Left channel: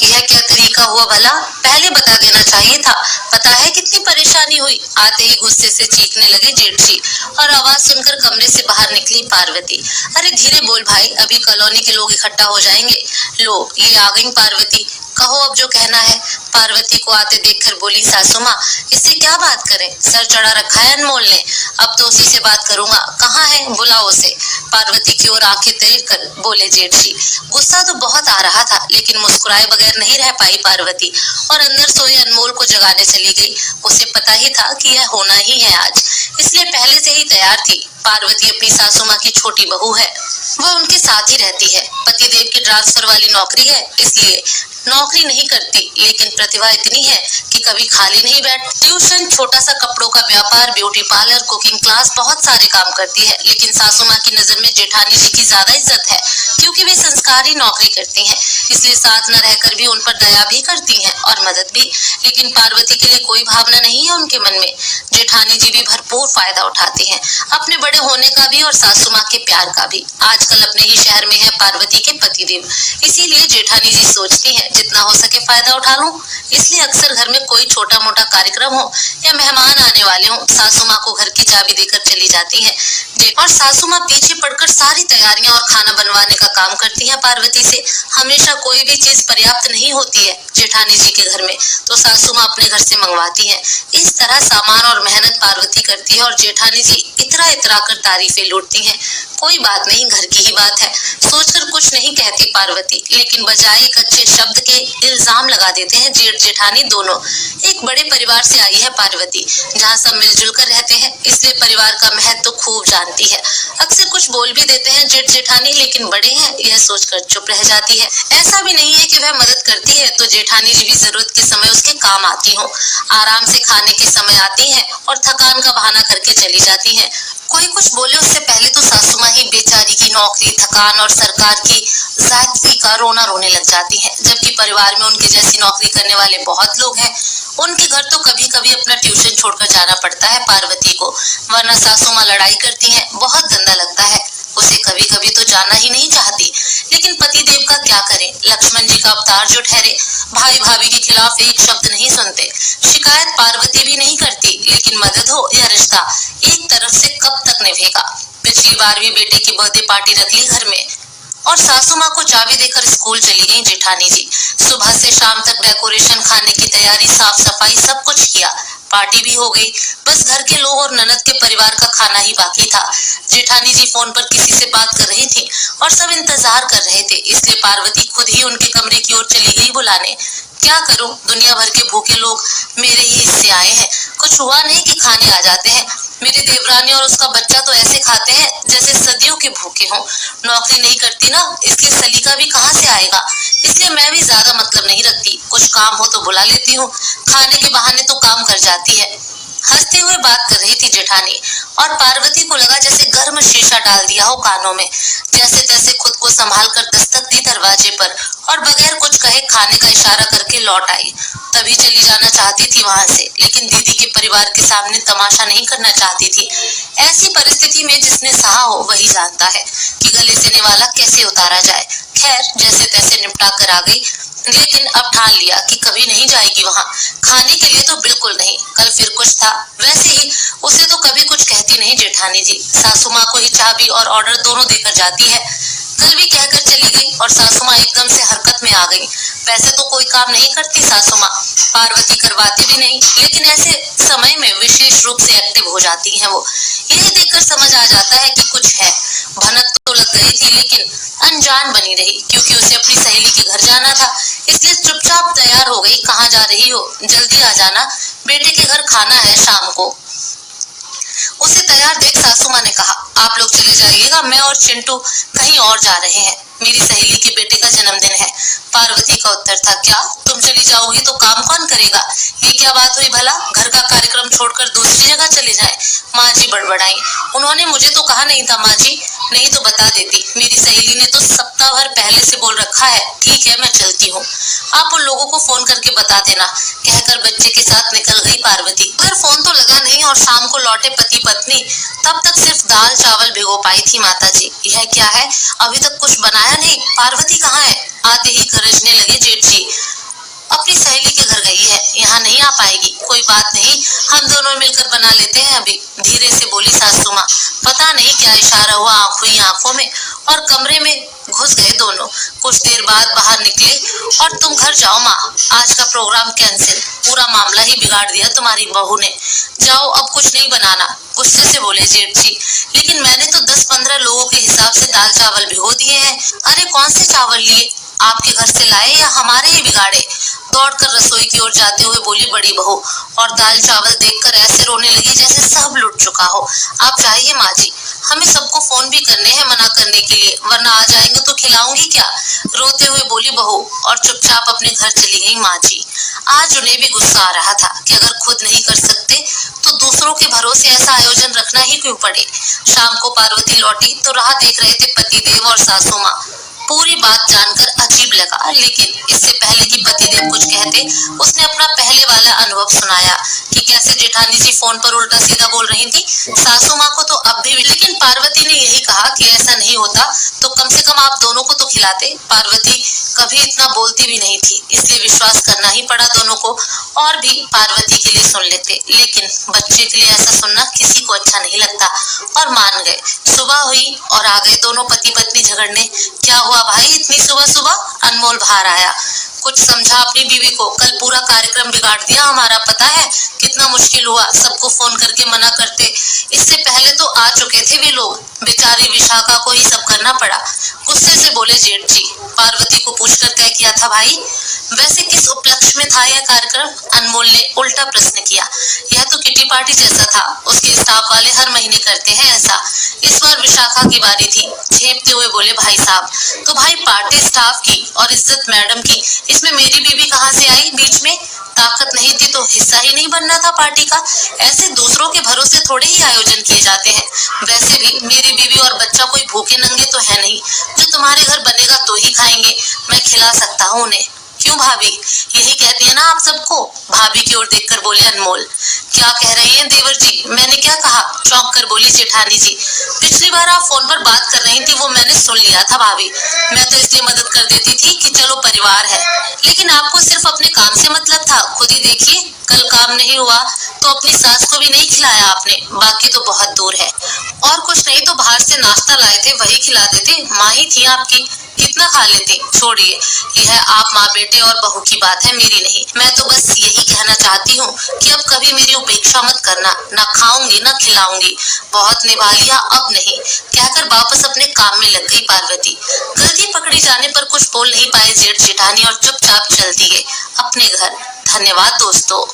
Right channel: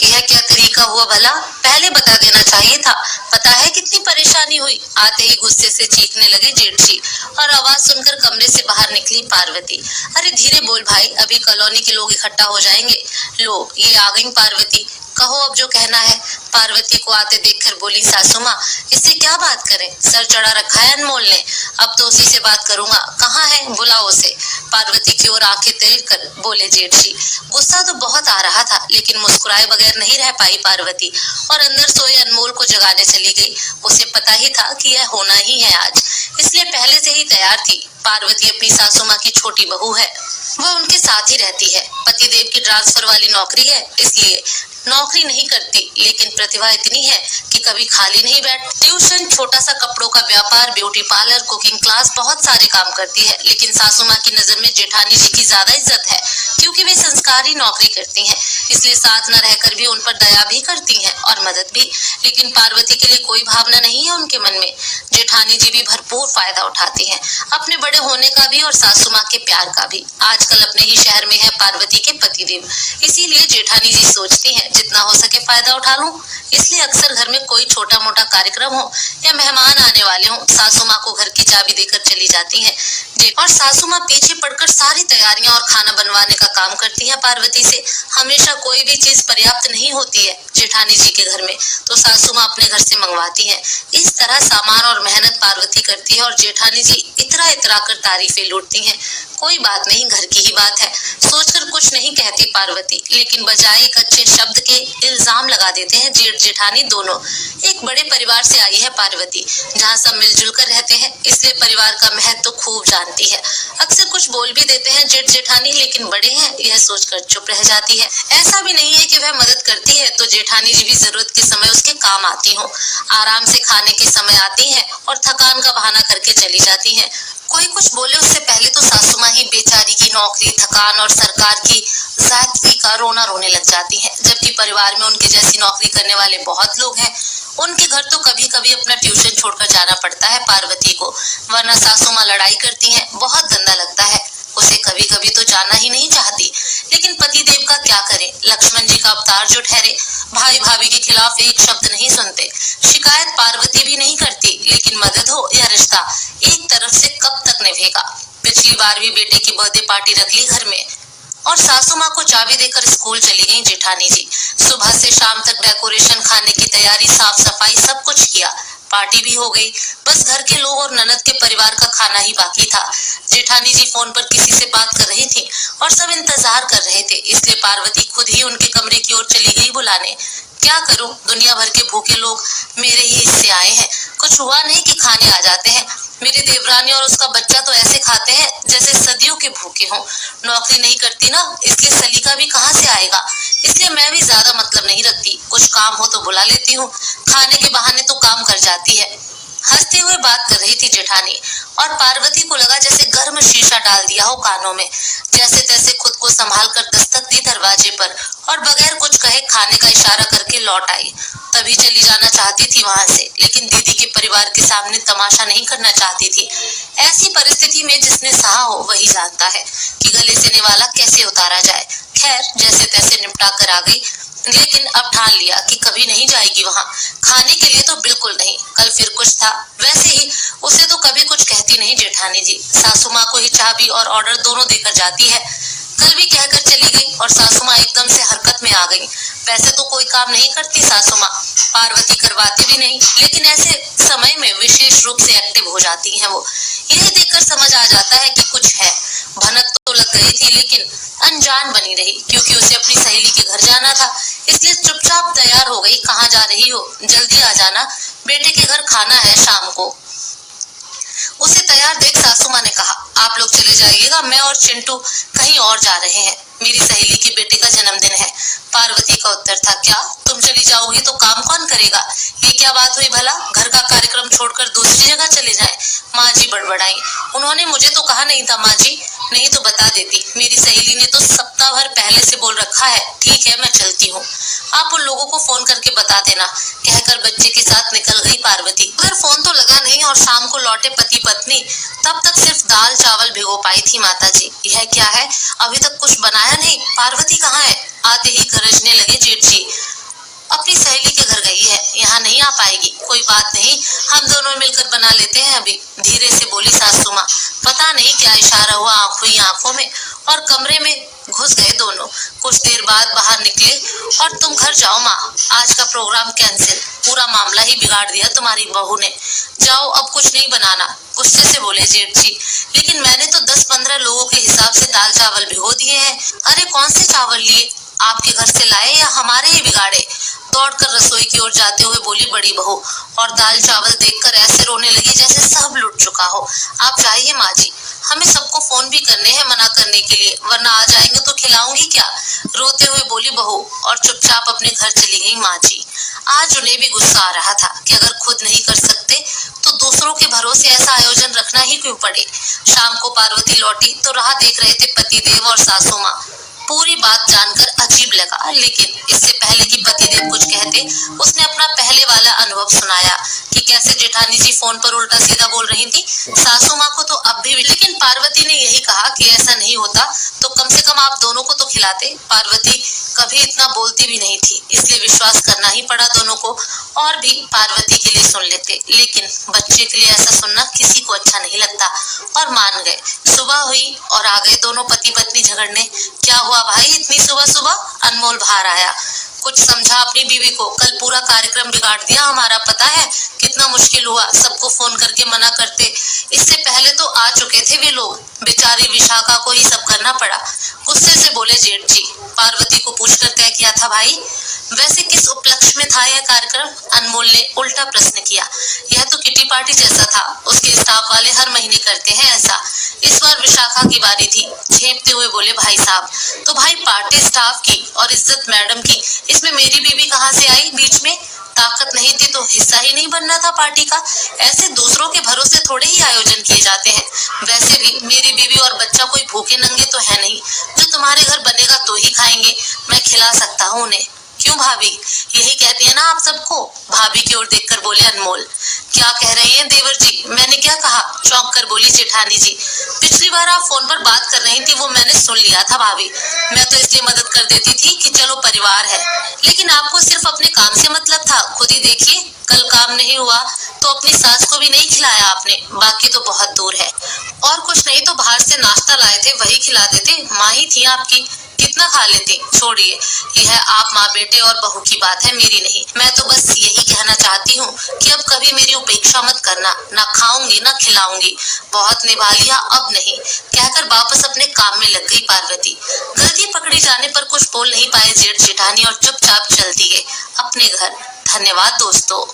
यह क्या तरीका हुआ भला? पहले बता देना चाहिए था। पता है कितनी परेशानी हुई? आते ही गुस्से से चीखने लगे जेठजी और आवाज सुनकर कमरे से बाहर निकली पार्वती। अरे धीरे बोल भाई, अभी कॉलोनी के लोग इकट्ठा हो जाएंगे। लो ये आ गई पार्वती, कहो अब जो कहना है। पार्वती को आते देखकर बोली सासू माँ, इससे क्या बात करें? सर चढ़ा रखा है अनमोल ने, अब तो उसी से बात करूंगा। कहाँ है? बुलाओ उसे। पार्वती की ओर आंखें तैर कर बोले जेठजी। गुस्सा तो बहुत आ रहा था, लेकिन मुस्कुराए बगैर नहीं रह पाई पार्वती और अंदर सोए अनमोल को जगाने चली गई। उसे पता ही था कि यह होना ही है आज, इसलिए पहले से ही तैयार थी। पार्वती अपनी सासू माँ की छोटी बहू है, वह उनके साथ ही रहती है। पतिदेव की ट्रांसफर वाली नौकरी है, इसलिए नौकरी नहीं करती, लेकिन प्रतिभा इतनी है कि कभी खाली नहीं बैठ। ट्यूशन, छोटा सा कपड़ों का व्यापार, ब्यूटी पार्लर, कुकिंग क्लास, बहुत सारे काम करती है। लेकिन सासू माँ की नजर में जेठानी जी की ज्यादा इज्जत है, क्योंकि वे संस्कारी नौकरी करती हैं, इसलिए साथ न रहकर भी उन पर दया भी करती हैं और मदद भी। लेकिन पार्वती के लिए कोई भावना नहीं है उनके मन में। जेठानी जी भी भरपूर फायदा उठाती हैं, अपने बड़े होने का भी और सासू माँ के प्यार का भी। आजकल अपने ही शहर में है पार्वती के पतिदेव, इसीलिए जेठानी जी सोचती हैं जितना हो सके फायदा उठा लूं। इसलिए अक्सर घर में कोई छोटा मोटा कार्यक्रम हो या मेहमान आने वाले हो, सासू माँ को घर की चाबी देकर चली जाती है और सासू माँ पीछे पड़कर सारी तैयारियां और खाना बनवाने का काम करती है पार्वती से। हमेशा कोई भी चीज पर्याप्त नहीं होती है जेठानी जी के घर में, तो सासू माँ अपने घर से मंगवाती है। इस तरह सामान और मेहनत पार्वती करती है और जेठानी जी इतरा इतरा कर तारीफें लूटती हैं। कोई बात नहीं, घर की ही बात है, सोचकर कुछ नहीं कहती पार्वती, लेकिन बजाय एक अच्छे शब्द के इल्जाम लगा देते हैं जेठ जेठानी दोनों। एक बड़े परिवार से आई है पार्वती, जहाँ सब मिलजुल कर रहते हैं, इसलिए परिवार का महत्व तो खूब जानती है। अक्सर कुछ बोल भी देते हैं जेठ जेठानी, लेकिन बड़े हैं यह सोचकर चुप रह जाती है। ऐसा भी नहीं है कि वह मदद करती है तो जेठानी जी भी जरूरत के समय उसके काम आती हो। आराम से खाने के समय आती है और थकान का बहाना करके चली जाती है। कोई कुछ बोले उससे पहले तो सासू माँ ही बेचारी की नौकरी, थकान और सरकार की ज्यादती का रोना रोने लग जाती है। जबकि परिवार में उनके जैसी नौकरी करने वाले बहुत लोग हैं। उनके घर तो कभी कभी अपना ट्यूशन छोड़कर जाना पड़ता है पार्वती को, वरना सासू माँ लड़ाई करती हैं, बहुत गंदा लगता है। उसे कभी कभी तो जाना ही नहीं चाहती, लेकिन पतिदेव का क्या करे, लक्ष्मण जी का अवतार जो ठहरे। भाई भाभी के खिलाफ एक शब्द नहीं सुनते, शिकायत पार्वती भी नहीं करती, लेकिन मदद हो या रिश्ता, एक तरफ से कब तक निभेगा। पिछली बार भी बेटे की बर्थडे पार्टी रख ली घर में और सासू माँ को चाबी देकर स्कूल चली गई जेठानी जी। सुबह से शाम तक डेकोरेशन, खाने की तैयारी, साफ सफाई, सब कुछ किया। पार्टी भी हो गई, बस घर के लोग और ननद के परिवार का खाना ही बाकी था। जेठानी जी फोन पर किसी से बात कर रही थी और सब इंतजार कर रहे थे, इसलिए पार्वती खुद ही उनके कमरे की ओर चली गई बुलाने। क्या करूं, दुनिया भर के भूखे लोग मेरे ही हिस्से आए हैं, कुछ हुआ नहीं कि खाने आ जाते हैं। मेरी देवरानी और उसका बच्चा तो ऐसे खाते हैं जैसे सदियों के भूखे हों। नौकरी नहीं करती ना, इसलिए सलीका भी कहाँ से आएगा, इसलिए मैं भी ज्यादा मतलब नहीं रखती, कुछ काम हो तो बुला लेती हूँ, खाने के बहाने तो काम कर जाती है। हंसते हुए बात कर रही थी जेठानी और पार्वती को लगा जैसे गर्म शीशा डाल दिया हो कानों में। जैसे तैसे खुद को संभाल कर दस्तक दी दरवाजे पर और बगैर कुछ कहे खाने का इशारा करके लौट आई। तभी चली जाना चाहती थी वहां से, लेकिन दीदी के परिवार के सामने तमाशा नहीं करना चाहती थी। ऐसी परिस्थिति में जिसने सहा हो वही जानता है कि गले से निवाला कैसे उतारा जाए। खैर जैसे तैसे निपटा कर आ गई, लेकिन अब ठान लिया कि कभी नहीं जाएगी वहां। खाने के लिए तो बिल्कुल नहीं, कल फिर कुछ था। वैसे ही उसे तो कभी कुछ कहती नहीं जेठानी जी, सासू माँ को ही चाबी और ऑर्डर दोनों देकर जाती है। कल भी कहकर चली गई और सासू माँ एकदम से हरकत में आ गई। वैसे तो कोई काम नहीं करती सासू माँ, पार्वती करवाती भी नहीं, लेकिन ऐसे समय में विशेष रूप से एक्टिव हो जाती है वो। यह देखकर समझ आ जाता है कि कुछ है। भनक तो लग गई थी, लेकिन अनजान बनी रही, क्योंकि उसे अपनी सहेली के घर जाना था, इसलिए चुपचाप तैयार हो गई। कहाँ जा रही हो? जल्दी आ जाना, बेटे के घर खाना है शाम को। उसे तैयार देख सासू माँ ने कहा, आप लोग चले जाइएगा, मैं और चिंटू कहीं और जा रहे हैं, मेरी सहेली के बेटे का जन्मदिन है। पार्वती का उत्तर था, क्या तुम चली जाओगी तो काम कौन करेगा? ये क्या बात हुई भला, घर का कार्यक्रम छोड़कर दूसरी जगह चले जाए? माँ जी बड़बड़ाई, उन्होंने मुझे तो कहा नहीं था माँ जी, नहीं तो बता देती, मेरी सहेली ने तो सप्ताह भर पहले से बोल रखा है। ठीक है मैं चलती हूँ, आप उन लोगों को फोन करके बता देना, कहकर बच्चे के साथ निकल गई पार्वती। पर फोन तो लगा नहीं और शाम को लौटे पति पत्नी। तब तक सिर्फ दाल चावल भिगो पाई थी माता जी। यह क्या है, अभी तक कुछ बनाया नहीं, पार्वती कहाँ है? आते ही गरजने लगे जेठ जी, ना पाएगी। कोई बात नहीं, हम दोनों मिलकर बना लेते हैं अभी, धीरे से बोली सासू माँ। पता नहीं क्या इशारा हुआ आंखों ही आंखों में और कमरे में घुस गए दोनों। कुछ देर बाद बाहर निकले और तुम घर जाओ माँ, आज का प्रोग्राम कैंसिल, पूरा मामला ही बिगाड़ दिया तुम्हारी बहू ने। जाओ, अब कुछ नहीं बनाना, गुस्से से बोले जेठ जी। लेकिन मैंने तो 10-15 लोगों के हिसाब से दाल चावल भिगो दिए हैं। अरे कौन से चावल लिए, आपके घर से लाए या हमारे ही बिगाड़े? दौड़कर रसोई की ओर जाते हुए बोली बड़ी बहू और दाल चावल देखकर ऐसे रोने लगी जैसे सब लुट चुका हो। आप जाइए माँ जी, हमें सबको फोन भी करने हैं मना करने के लिए, वरना आ जाएंगे तो खिलाऊंगी क्या? रोते हुए बोली बहू और चुपचाप अपने घर चली गई माँ जी। आज उन्हें भी गुस्सा आ रहा था कि अगर खुद नहीं कर सकते तो दूसरों के भरोसे ऐसा आयोजन रखना ही क्यों पड़े। शाम को पार्वती लौटी तो राह देख रहे थे पतिदेव और सासू माँ। पूरी बात जानकर अजीब लगा, लेकिन इससे पहले कि पतिदेव कुछ कहते उसने अपना पहले वाला अनुभव सुनाया कि कैसे जेठानी जी फोन पर उल्टा सीधा बोल रही थी। सासू माँ को तो अब भी, लेकिन पार्वती ने यही कहा कि ऐसा नहीं होता तो कम से कम आप दोनों को तो खिलाते। पार्वती कभी इतना बोलती भी नहीं थी, इसलिए विश्वास करना ही पड़ा दोनों को। और भी पार्वती के लिए सुन लेते, लेकिन बच्चे के लिए ऐसा सुनना किसी को अच्छा नहीं लगता और मान गए। सुबह हुई और आ गए दोनों पति पत्नी झगड़ने। क्या हुआ भाई इतनी सुबह सुबह? अनमोल बाहर आया। कुछ समझा अपनी बीवी को, कल पूरा कार्यक्रम बिगाड़ दिया हमारा, पता है कितना मुश्किल हुआ सबको फोन करके मना करते। इससे पहले तो आ चुके थे वे लोग, बेचारी विशाखा को ही सब करना पड़ा। गुस्से से बोले जेठ जी। पार्वती को पूछकर तय किया था भाई? वैसे किस उपलक्ष्य में था यह कार्यक्रम? अनमोल ने उल्टा प्रश्न किया। यह तो किटी पार्टी जैसा था, उसके स्टाफ वाले हर महीने करते हैं ऐसा। इस बार विशाखा की बारी थी। झेपते हुए बोले भाई साहब, तो भाई पार्टी स्टाफ की और इज्जत मैडम की, इसमें मेरी बीवी कहाँ से आई बीच में? ताकत नहीं थी तो हिस्सा ही नहीं बनना था पार्टी का? ऐसे दूसरों के भरोसे थोड़े ही आयोजन किए जाते हैं। वैसे भी मेरी बीवी और बच्चा कोई भूखे नंगे तो है नहीं, जो तुम्हारे घर बनेगा तो ही खाएंगे, मैं खिला सकता हूँ उन्हें। क्यों भाभी, यही कहती है ना आप सबको? भाभी की ओर देखकर बोले अनमोल। क्या कह रही हैं देवर जी? मैंने क्या कहा? चौंक कर बोली जेठानी जी। पिछली बार आप फोन पर बात कर रही थी वो मैंने सुन लिया था भाभी, मैं तो इसलिए मदद कर देती थी कि चलो परिवार है, लेकिन आपको सिर्फ अपने काम से मतलब था। खुद ही देखिए, कल काम नहीं हुआ तो अपनी सास को भी नहीं खिलाया आपने, बाकी तो बहुत दूर है। और कुछ नहीं तो बाहर से नाश्ता लाए थे वही खिला देते, माँ ही थी आपकी, कितना खा लेती। छोड़िए, यह आप माँ बेटे और बहू की बात है, मेरी नहीं। मैं तो बस यही कहना चाहती हूँ कि अब कभी मेरी उपेक्षा मत करना, ना खाऊंगी ना खिलाऊंगी, बहुत निभा लिया अब नहीं, कहकर वापस अपने काम में लग गई पार्वती। गलती पकड़ी जाने पर कुछ बोल नहीं पाए जेठ जेठानी और चुपचाप चल दिए अपने घर। धन्यवाद दोस्तों।